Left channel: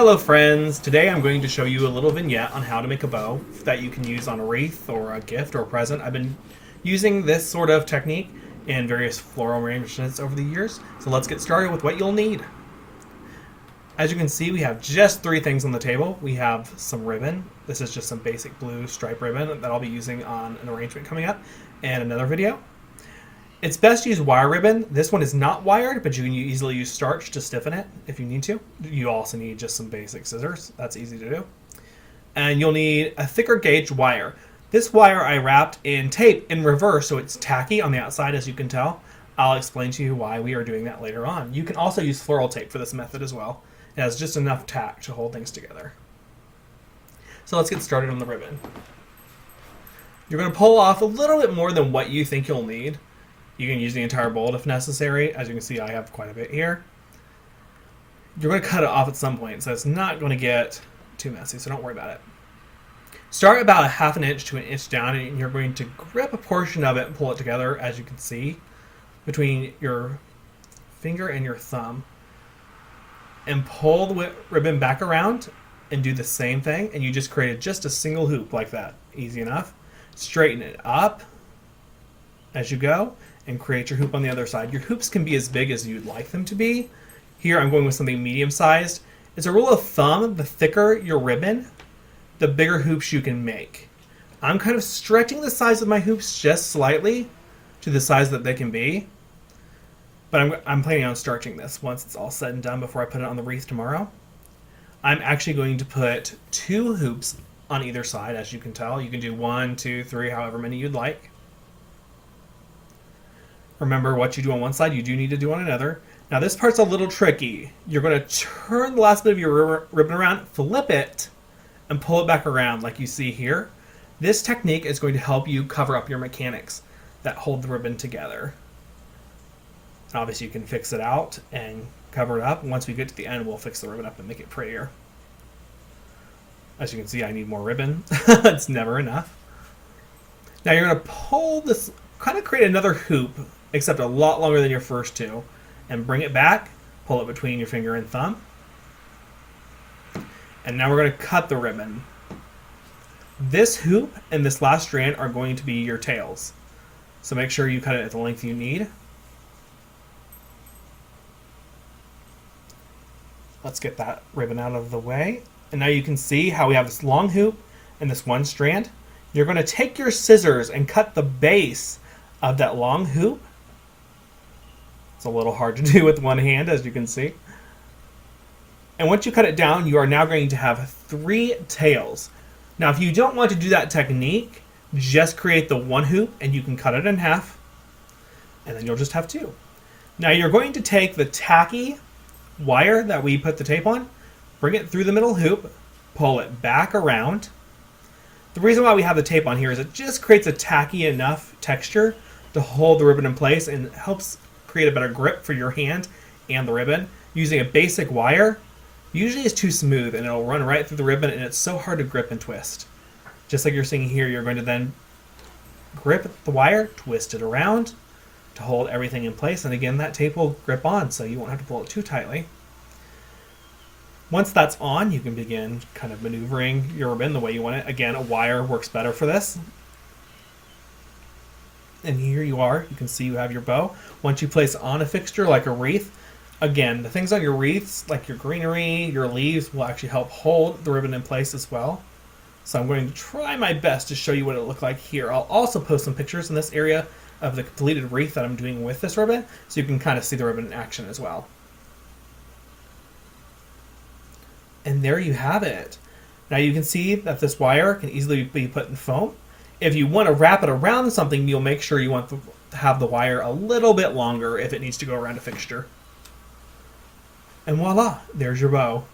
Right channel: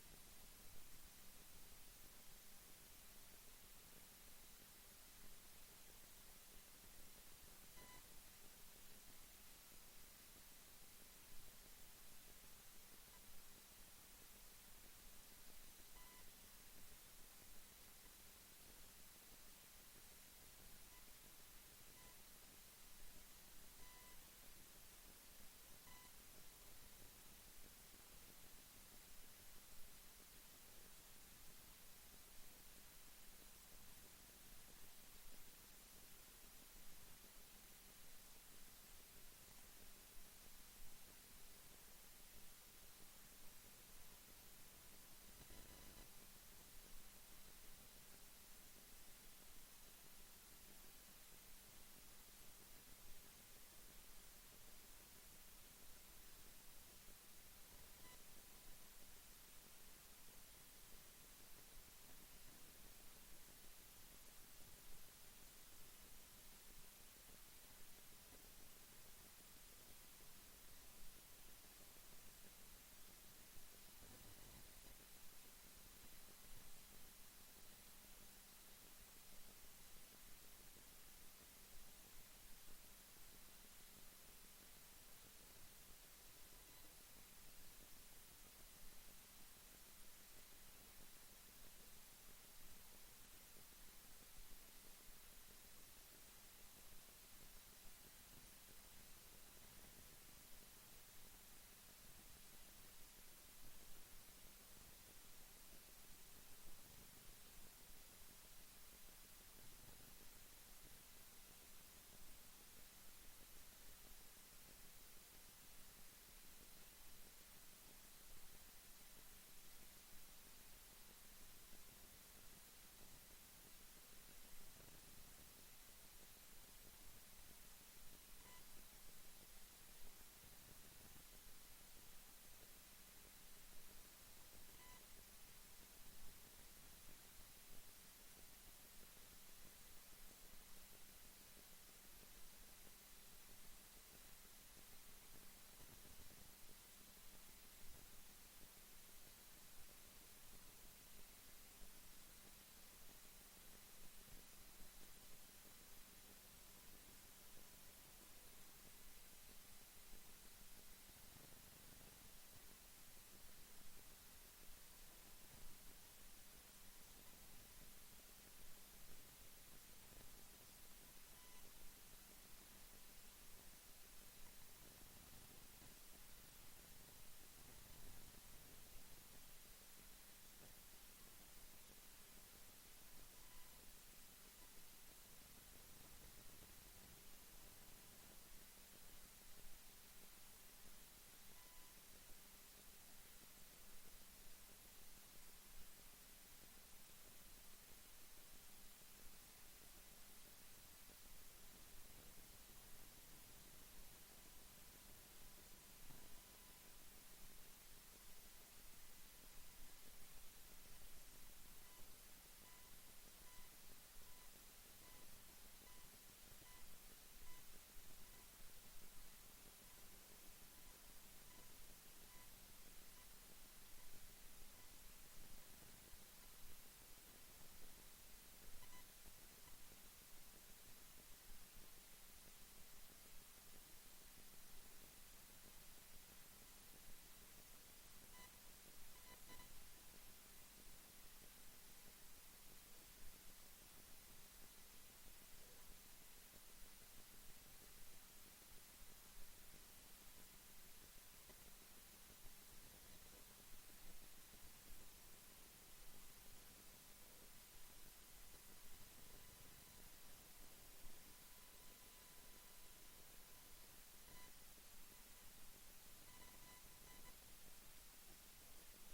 Hello friends, today I'm going to show you a little vignette on how to make a bow that you can use on a wreath or a gift or a present. I've been using this sort of technique in various floral arrangements over the years, so let's get started with what you'll need. As you can see, we have just three things on the table. We have some ribbon. This is just some basic blue stripe ribbon that I'll be using on an arrangement coming up and another video. It's best to use wire ribbon. This one is not wired, but you can easily use starch to stiffen it if you need to. You also need just some basic scissors. That's easy to do. And you'll need a thicker gauge wire. This wire I wrapped in tape in reverse, so it's tacky on the outside, as you can tell. I'll explain to you why we are doing that later on. You can also use floral tape for this method as well. It has just enough tack to hold things together. So let's get started on the ribbon. You're going to pull off a little bit more than what you think you'll need. You can use the entire bolt if necessary. As you can see, I have quite a bit here. You're going to cut it off at some point, so it's not going to get too messy, so don't worry about it. Start about a half an inch to an inch down, and you're going to grip a portion of it and pull it together, as you can see, between your finger and your thumb. And pull the ribbon back around and do the same thing, and you just created just a single hoop like that. Easy enough. Straighten it up as you go and create your hoop on the other side. Your hoops can be as big as you'd like them to be. Here I'm going with something medium sized. As a rule of thumb, the thicker your ribbon, the bigger hoops you can make. I'm kind of stretching the size of my hoops just slightly to the size that they can be. But I'm planning on starching this once it's all said and done before I put it on the wreath tomorrow. I'm actually going to put 2 hoops on either side, as you can tell. You can do 1, 2, 3, however many you'd like. Remember, what you do on one side, you do need to do on another. Now this part's a little tricky. You're going to turn the last bit of your ribbon around, flip it, and pull it back around like you see here. This technique is going to help you cover up your mechanics that hold the ribbon together. Obviously you can fix it out and cover it up. Once we get to the end, we'll fix the ribbon up and make it prettier. As you can see, I need more ribbon. It's never enough. Now you're going to pull this, kind of create another hoop, except a lot longer than your first 2, and bring it back, pull it between your finger and thumb. And now we're going to cut the ribbon. This hoop and this last strand are going to be your tails. So make sure you cut it at the length you need. Let's get that ribbon out of the way. And now you can see how we have this long hoop and this one strand. You're going to take your scissors and cut the base of that long hoop. It's a little hard to do with one hand, as you can see. And once you cut it down, you are now going to have 3 tails. Now, if you don't want to do that technique, just create the one hoop and you can cut it in half. And then you'll just have 2. Now, you're going to take the tacky wire that we put the tape on, bring it through the middle hoop, pull it back around. The reason why we have the tape on here is it just creates a tacky enough texture to hold the ribbon in place and helps create a better grip for your hand and the ribbon. Using a basic wire usually is too smooth and it'll run right through the ribbon, and it's so hard to grip and twist. Just like you're seeing here, you're going to then grip the wire, twist it around to hold everything in place, and again that tape will grip on, so you won't have to pull it too tightly. Once that's on, you can begin kind of maneuvering your ribbon the way you want it. Again, a wire works better for this. And here you are. You can see you have your bow. Once you place on a fixture like a wreath, again, the things on your wreaths, like your greenery, your leaves, will actually help hold the ribbon in place as well. So I'm going to try my best to show you what it looked like here. I'll also post some pictures in this area of the completed wreath that I'm doing with this ribbon, so you can kind of see the ribbon in action as well. And there you have it. Now you can see that this wire can easily be put in foam. If you want to wrap it around something, you'll make sure you want to have the wire a little bit longer if it needs to go around a fixture. And voila, there's your bow.